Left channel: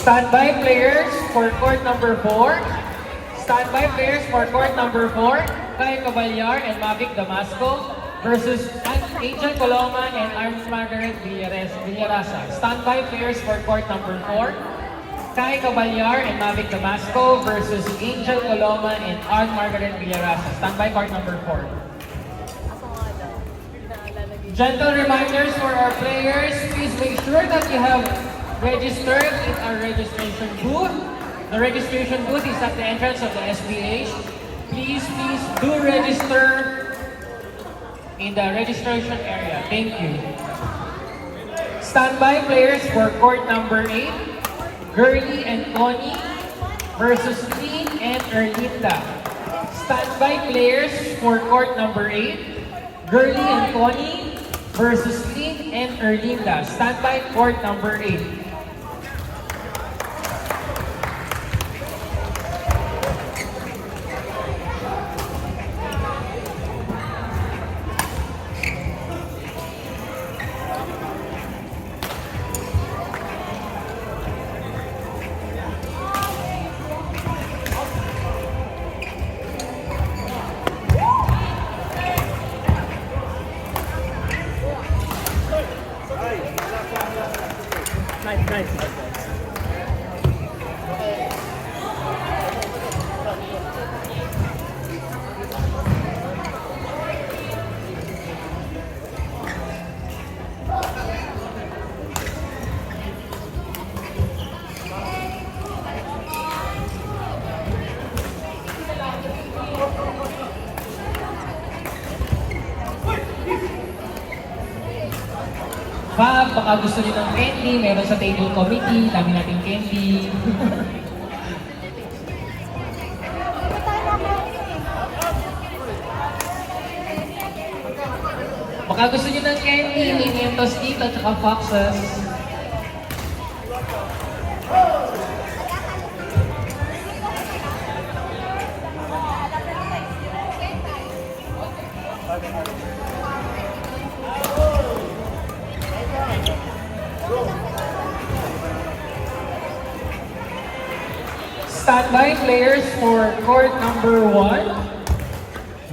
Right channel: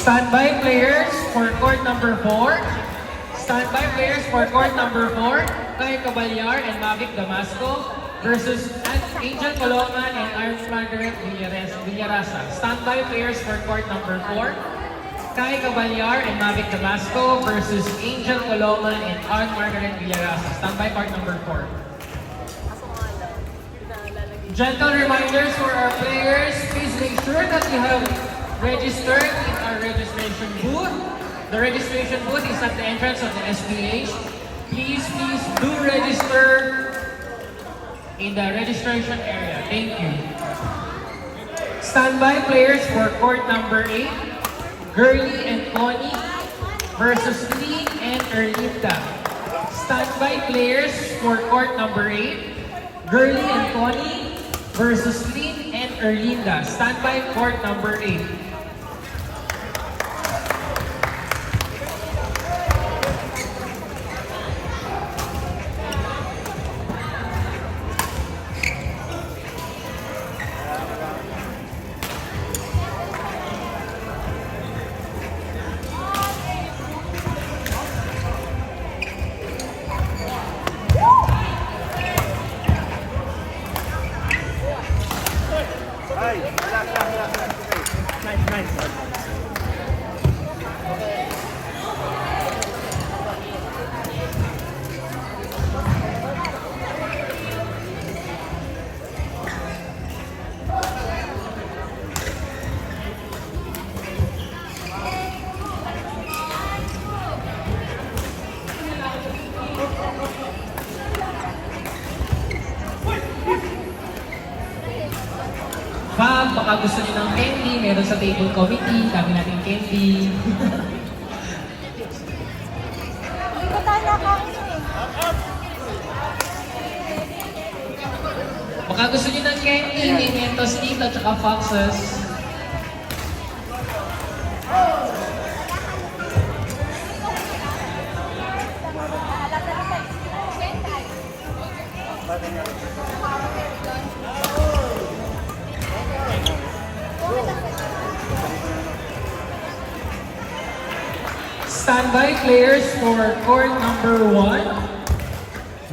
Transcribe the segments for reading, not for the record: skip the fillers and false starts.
Standby players for court number 4. Standby players for court number 4. Kai Caballar and Mavic Damasco versus Angel Coloma and Arms Margaret Villarasa. Standby players for court number 4. Kai Caballar and Mavic Damasco versus Angel Coloma and Arms Margaret Villarasa. Standby court number 4. Gentle reminders for our players, please make sure that you have registered in our registration booth. The registration booth is at the entrance of the SPH. Please do register in the registration area. Thank you. Standby players for court number 8, Girly and Connie versus Lee and Erlinda. Standby players for court number 8, Girly and Connie versus Lee and Erlinda. Standby court number 8. Nice. FAB, baka gusto nyo ng candy, meron sa table committee, dami natin candy. Baka gusto nyo ng candy, medium tostito, at saka foxes. Standby players for court number 1,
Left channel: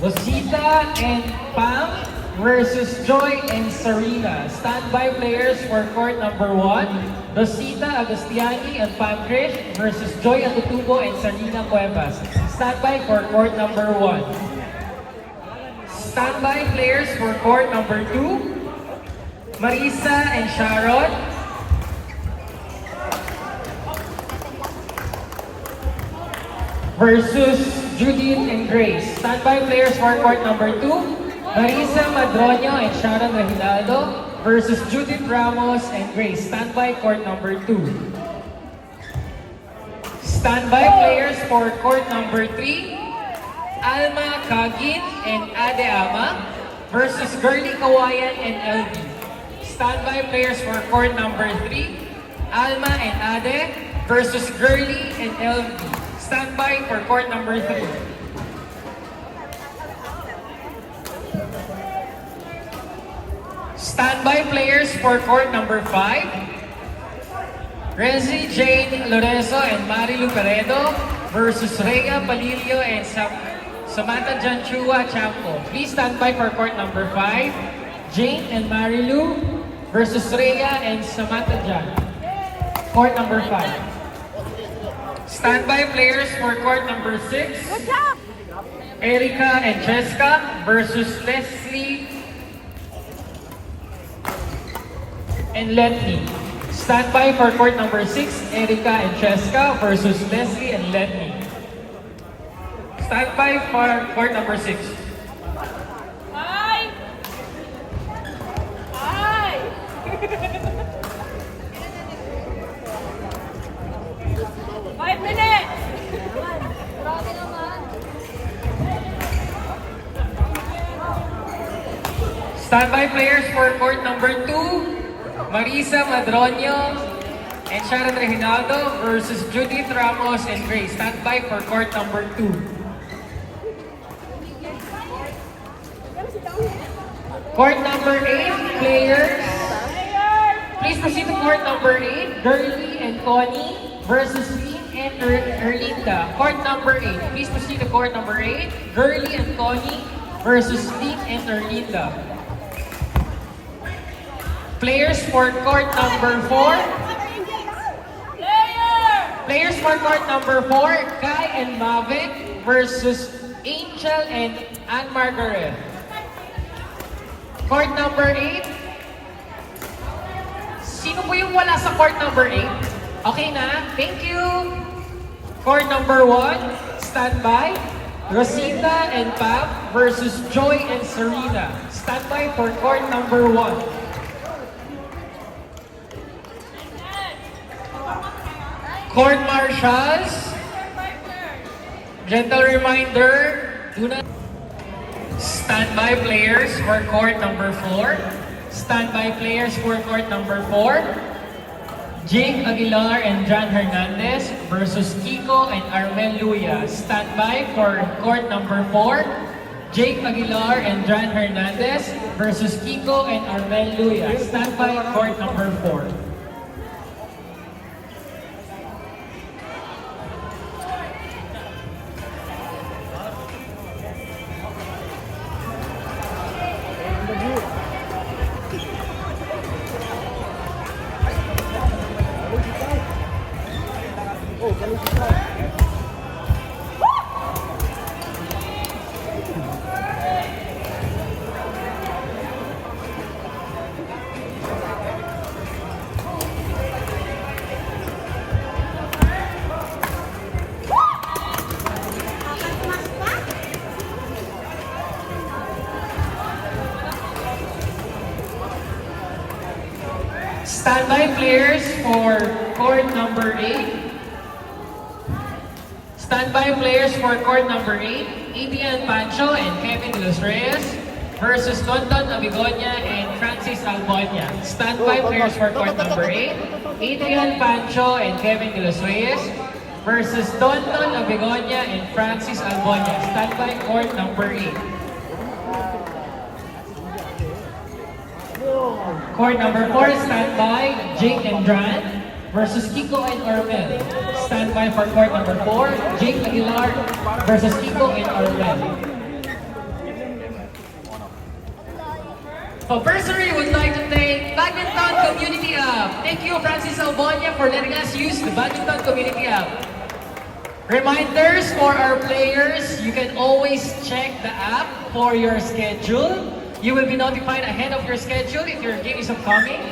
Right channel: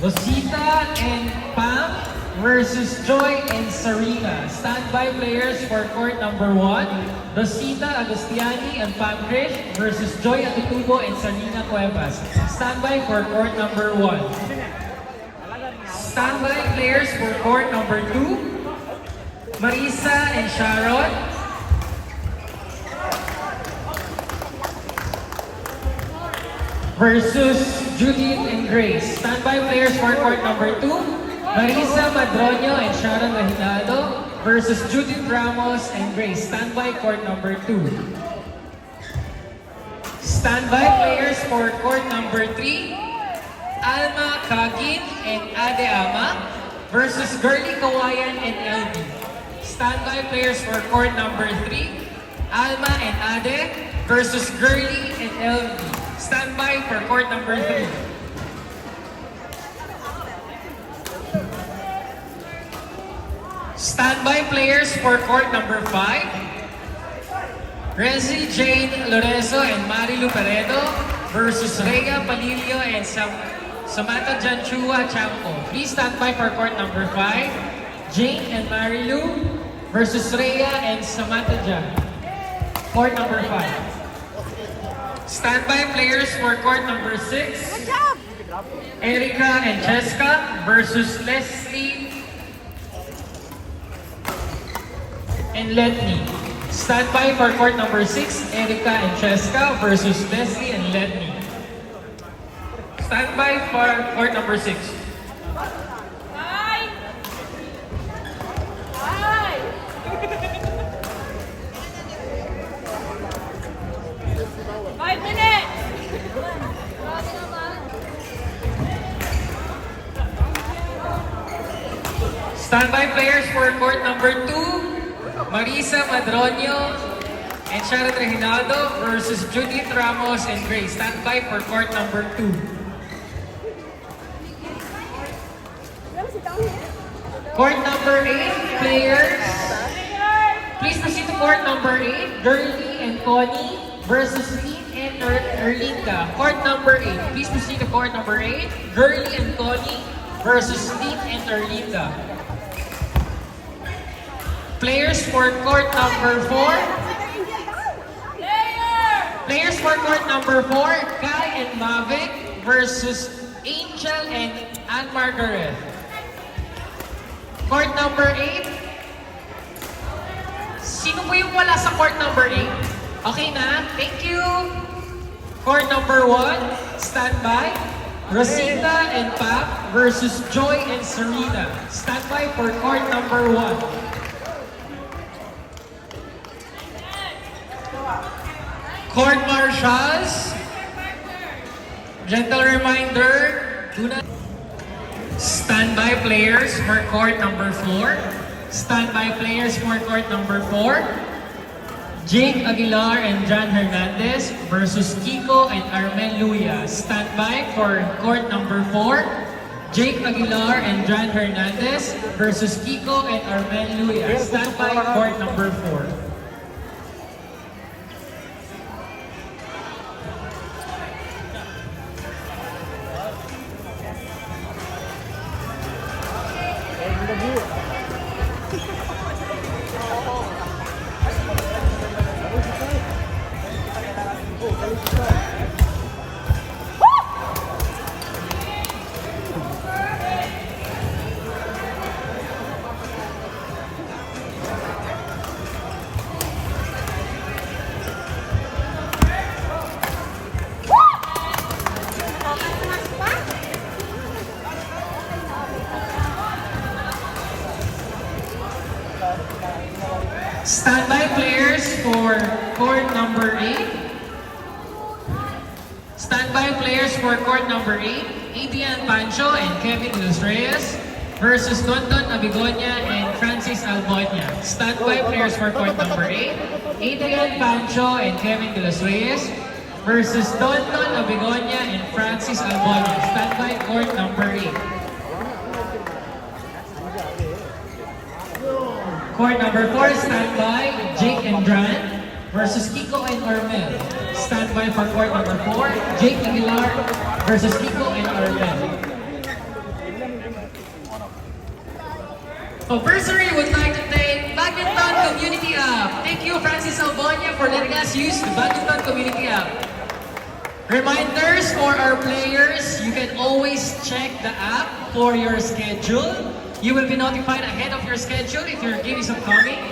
Rosita and Pam versus Joy and Sarita. Standby players for court number 1, Rosita Agustiani and Pam Grish versus Joy Atutubo and Salina Cuevas. Standby for court number 1. Standby players for court number 2, Marisa and Sharon versus Judith and Grace. Standby players for court number 2, Marisa Madroño and Sharon Lahilado versus Judith Ramos and Grace. Standby court number 2. Standby players for court number 3, Alma Kagin and Ade Ama versus Girly Kawayan and LB. Standby players for court number 3, Alma and Ade versus Girly and LB. Standby for court number 2. Standby players for court number 5, Rezi Jane Lorenzo and Marilu Peredo versus Rhea Padillo and Samantha Janchua Chapo. Please stand by for court number 5, Jane and Marilu versus Rhea and Samantha Jan. Court number 5. Standby players for court number 6. Good job! Erica and Jessica versus Leslie and Letney. Standby for court number 6. Erica and Jessica versus Leslie and Letney. Standby for court number 6. Standby players for court number 2, Marisa Madroño and Sharon Reginaldo versus Judith Ramos and Grace. Standby for court number 2. Court number 8 players, please proceed to court number 8, Girly and Connie court number 8. Please proceed to court number 8. Girly and Connie versus Nick and Erlinda. Players for court number 4. Players for court number 4, Kai and Mavic versus Angel and Anne Margaret. Court number 8. Sino po yung wala sa court number 8? Okay na? Thank you! Court number 1, standby. Rosita and Pap versus Joy and Serena. Standby for court number 1. Court marshals, gentle reminder, standby players for court number 4. Standby players for court number 4. Jake Aguilar and John Hernandez versus Kiko and Armel Luya. Standby for court number 4. Jake Aguilar and John Hernandez versus Kiko and Armel Luya. Standby court number 4. Standby players for court number 8. Standby players for court number 8. Adrian Pancho and Kevin De Los Reyes versus Tonton Abigonia and Francis Albonia. Standby players for court number 8. Adrian Pancho and Kevin De Los Reyes versus Tonton Abigonia and Francis Albonia. Standby court number 8. Court number 4, standby, Jake and Dran versus Kiko and Armel. Standby for court number 4, Jake Aguilar versus Kiko and Armel. FABersary would like to thank Badminton Community App. Thank you, Francis Albonia, for letting us use the Badminton Community App. Reminders for our players, you can always check the app for your schedule. You will be notified ahead of your schedule if your game is upcoming.